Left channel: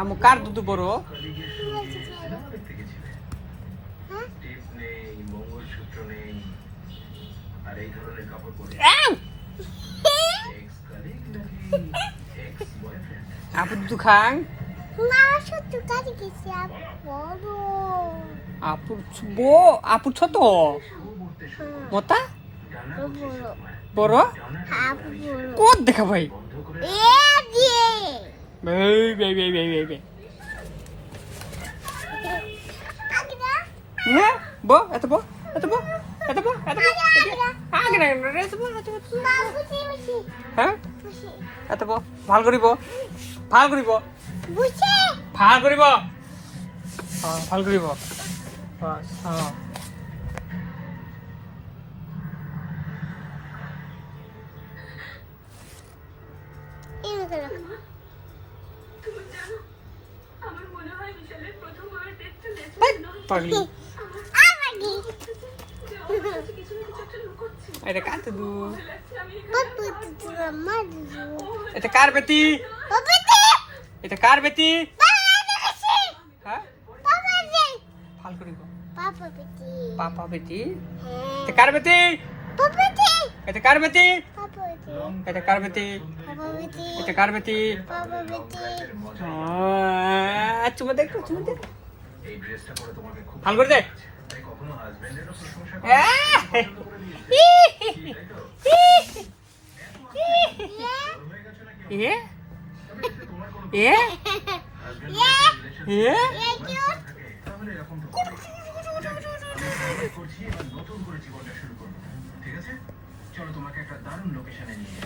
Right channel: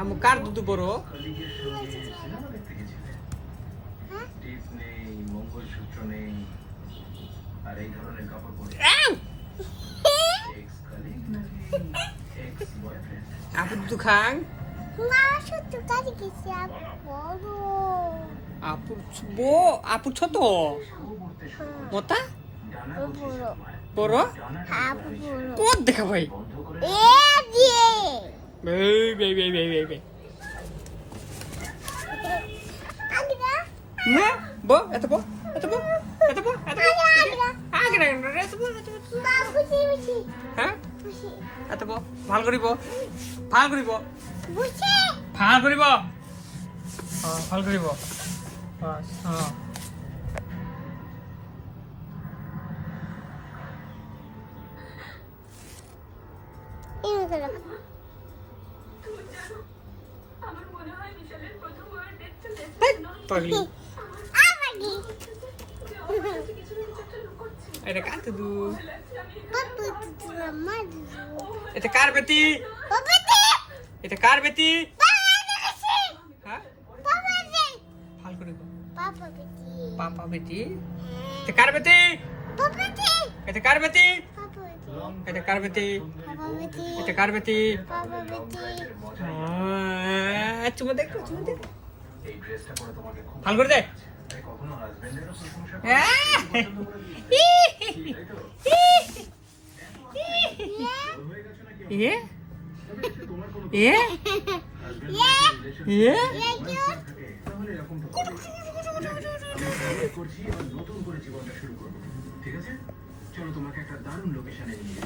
আমু কার দুধ বড়? আপু দুধ খান? না ছোট কাটি গেছে বড়। আপু ছোট মতা বড় বড় আপু বড় কোন দেখা ভাই এ দিয়ে বো এত বো এত বো এত বো এত বো আগে না এত বো হ্যাঁ এত বো ভাল করিব ভাল করিব বুঝে ভাল করিব হ্যাঁ ভাল করিব হ্যাঁ এটা কার দুধ? এটা কার বেটি? এটা কার বেটি? হ্যাঁ ভাল করিব পাপা বেটি এটা কার বেটি? এটা কার বেটি? এটা কার বেটি? এটা কার বেটি? চুমা দেখ চুমা দেখ ভাল করে দে ইয়ে ইয়ে ইয়ে চলো তোমাকে একটা দারুণ লোকেশনে নিয়ে